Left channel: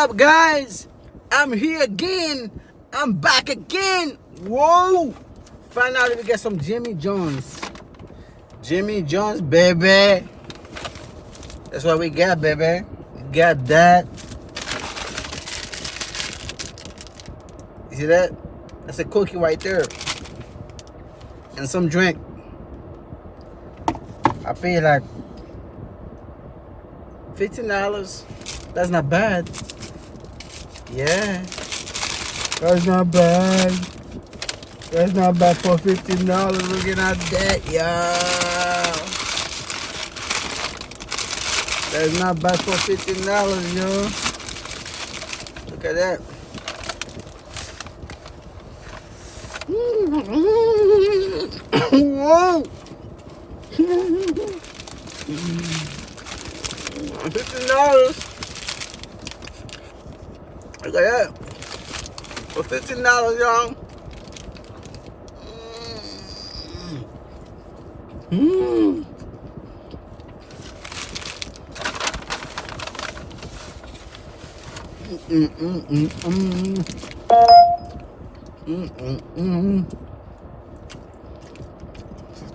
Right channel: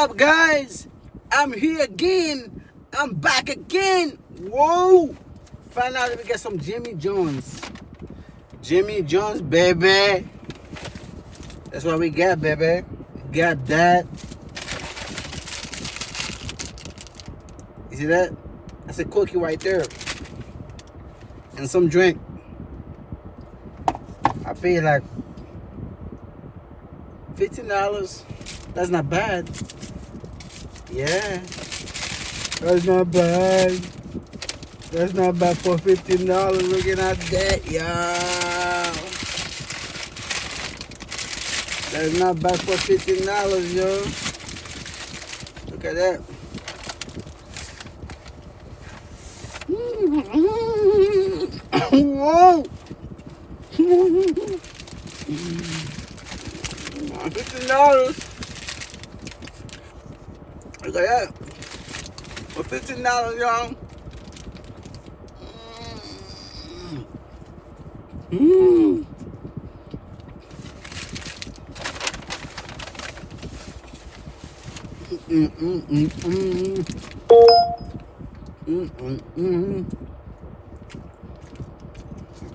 up, guys? I'm here again. I'm back again. Whoa! Finally, we get some Jimmy John's. Jimmy John's, baby. That's what we got, baby. We got that. You see that? That's a cookie right there. And some drink. I paid like $15. That's not bad. Yeah. That's not bad. That's not bad for $15. Looking at that, y'all. That's not bad for $15, yo. Look at that. Whoa. $15. Look at that. For $15, y'all. Mmm.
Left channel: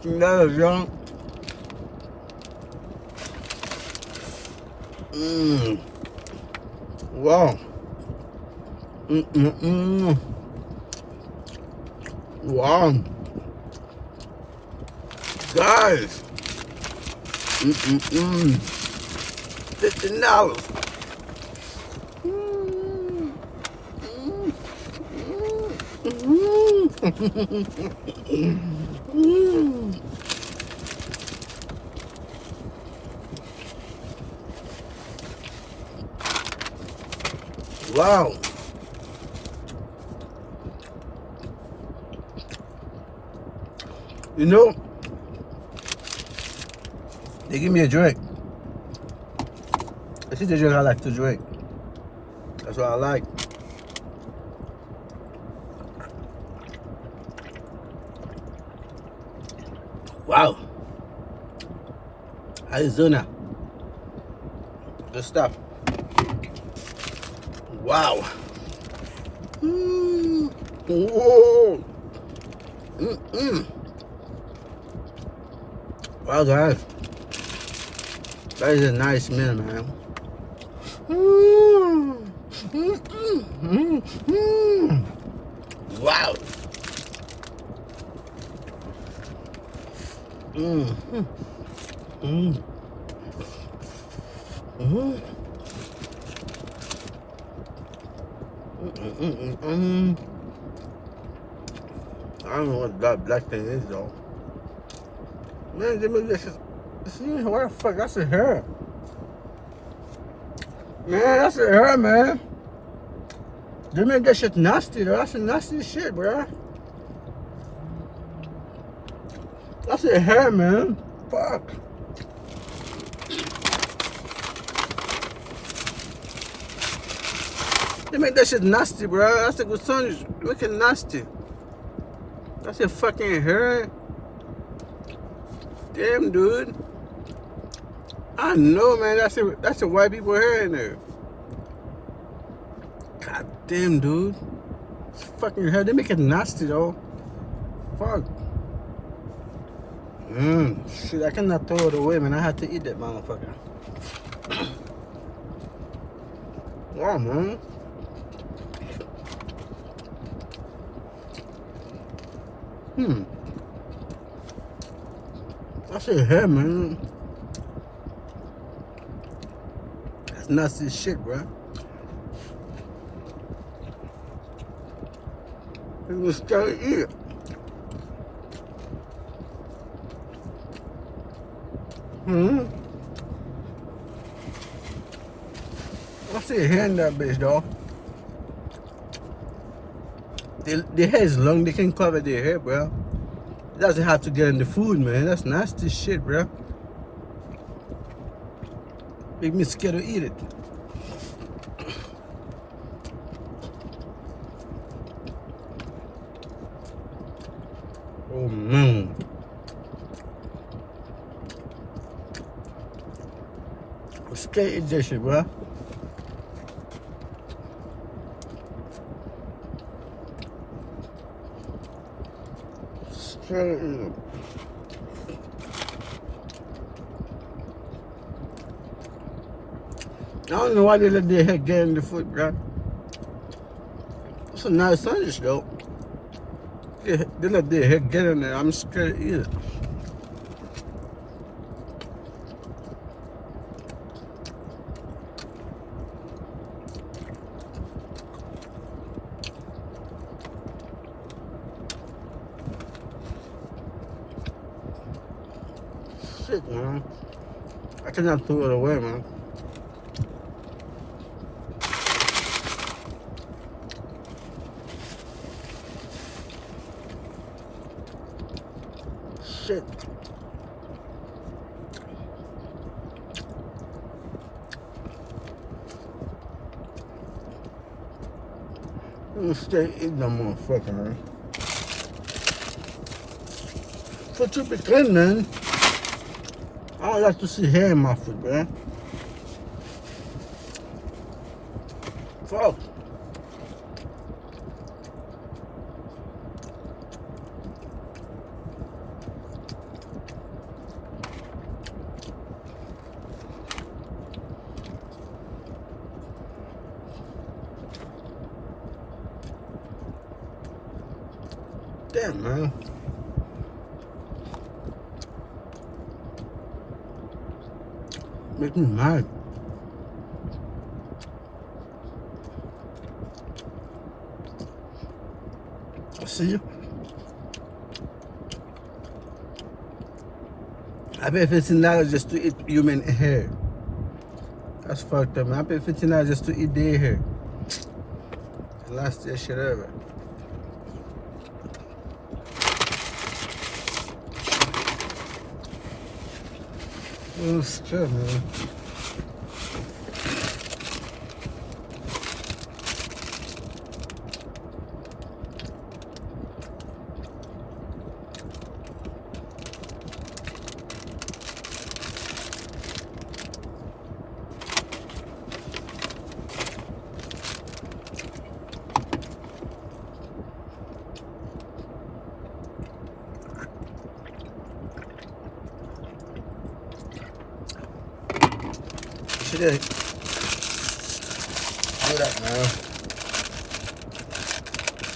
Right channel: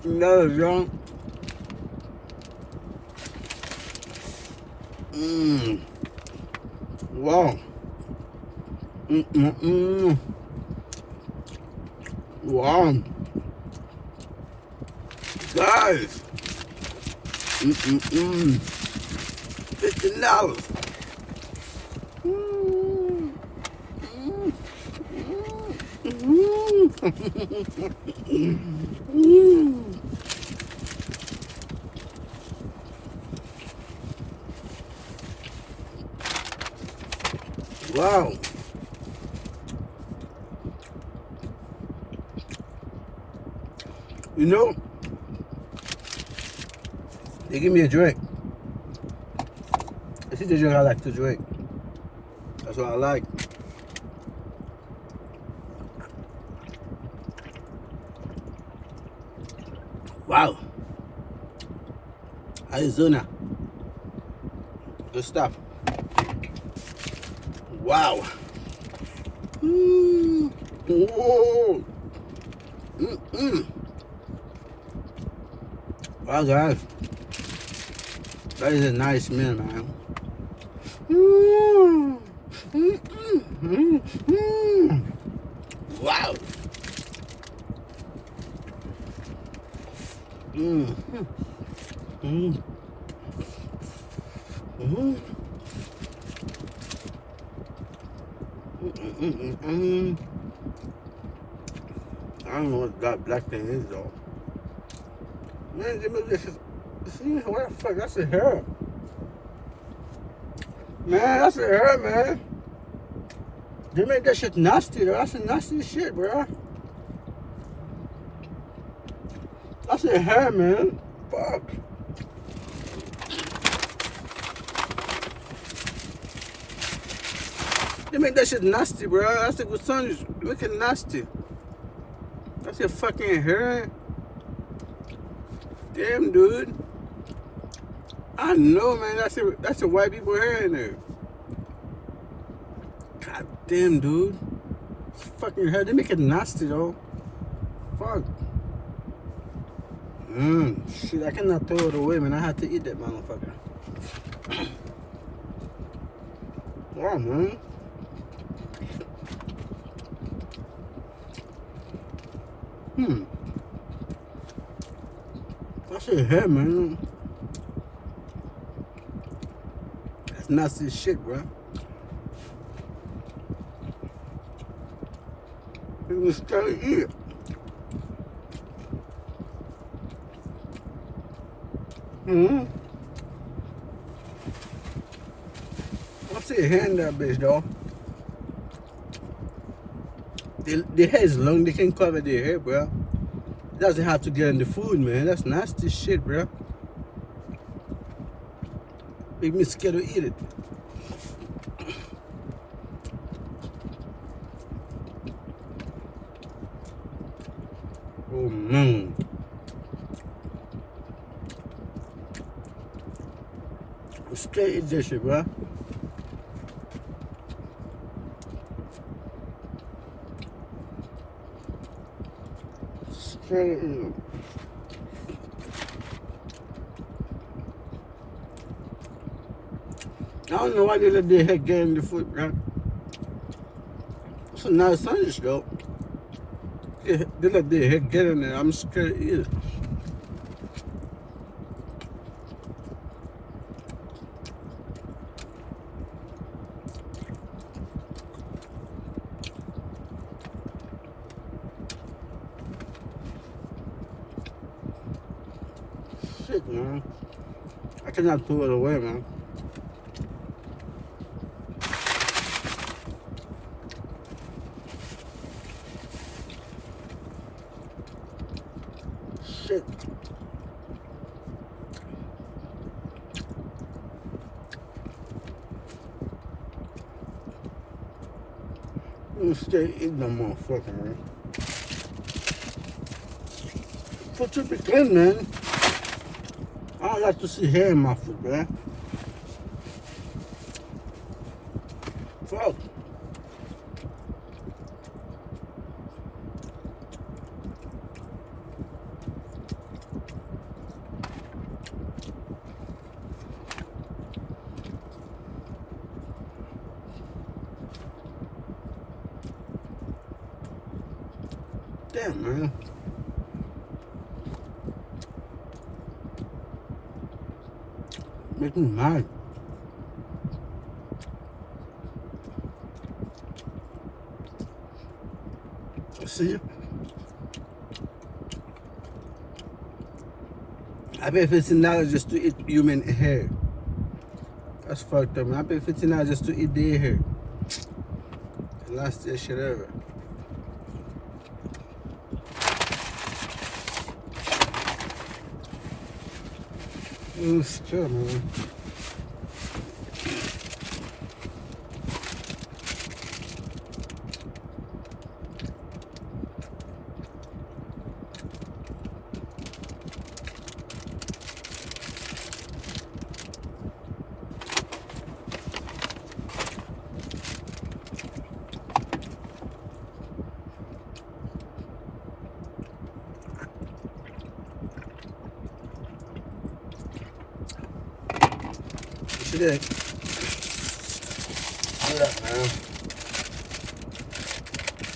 $15, y'all. Wow. Wow. Guys. $15. Wow. You know, they give me a drink. This is the drink I like to drink. That's what I like. Wow. Arizona. Good stuff. Wow. Whoa. Wow, guys. That is a nice meal, man. Wow. I don't know what that black thing is, though. Man, this is. See, what the fuck? That's a hair. Man, that's a hair, man. They make that shit nasty, though. That's a nasty shit, bro. That's a hair, man. Fuck. They make that shit nasty, bro. That's a good sandwich. Make it nasty. That's a fucking hair. Damn, dude. I know, man. That's a white people hair in there. God damn, dude. It's fucking hair. They make it nasty, though. Fuck. Shit, I cannot throw it away, man. I had to eat that motherfucker. Yeah, man. That's your hair, man. That's nasty shit, bro. You can still eat it. What's your hair in that bitch, dog? The hair is long, they can cover their hair, bro. It doesn't have to get in the food, man. That's nasty shit, bro. Make me scared to eat it. Oh, man. I'm scared to eat this shit, bro. Shit. I don't know why they let their head get in the foot, bro. It's a nice sandwich, though. They let their head get in there. I'm scared to eat it. Shit, man. I cannot throw it away, man. Shit. I'm gonna stay eating that motherfucker, man. Foot too be clean, man. I don't like to see hair in my foot, man. Fuck. Damn, man. Make me mad. See? I pay $15 just to eat human hair. That's fucked up, man. I pay $15 just to eat their hair. And that's their shit ever. It's good, man. Today. Look at that, man.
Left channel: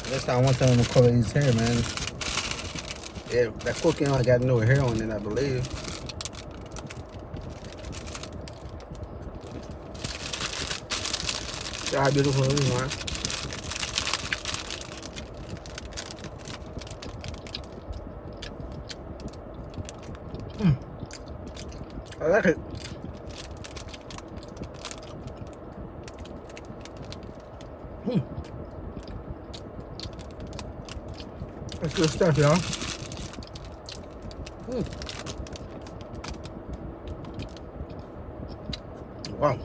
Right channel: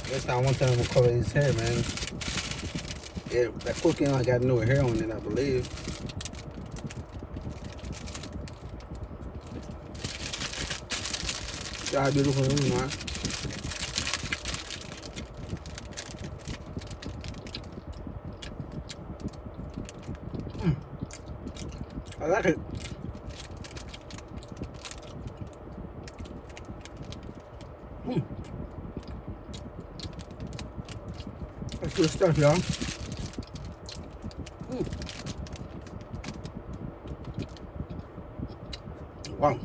That's not one time to color his hair, man. Yeah, that cooking I got no hair on it, I believe. See how beautiful it is, man. I like it. That's good stuff, y'all. Wow.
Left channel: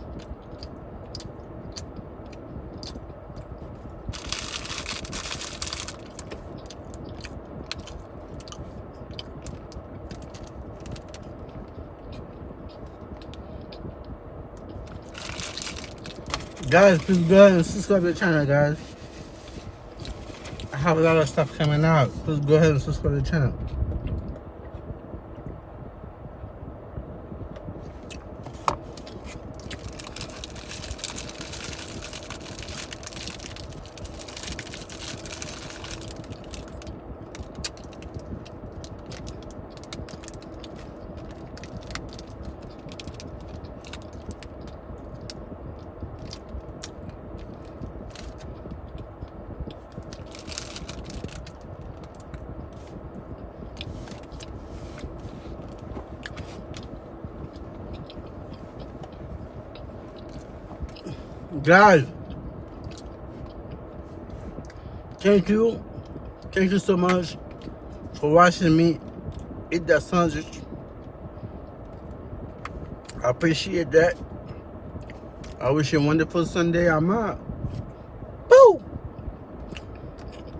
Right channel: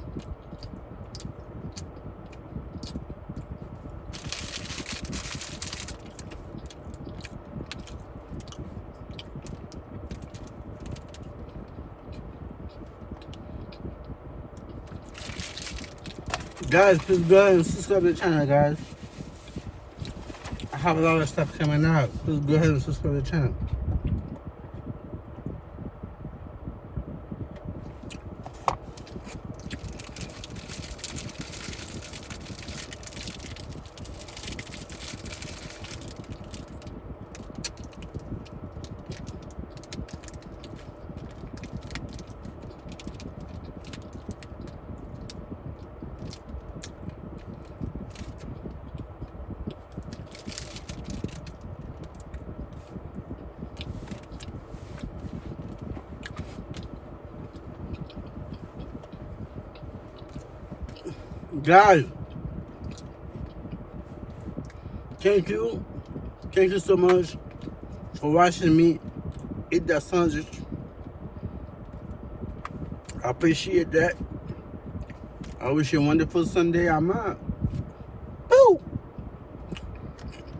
Guys, please go ahead and subscribe to the channel, guys. I have a lot of stuff coming out. Please go ahead and subscribe to the channel. Guys, thank you so much for watching me eat that sandwich. I appreciate that. I wish you a wonderful Sunday. I'm out.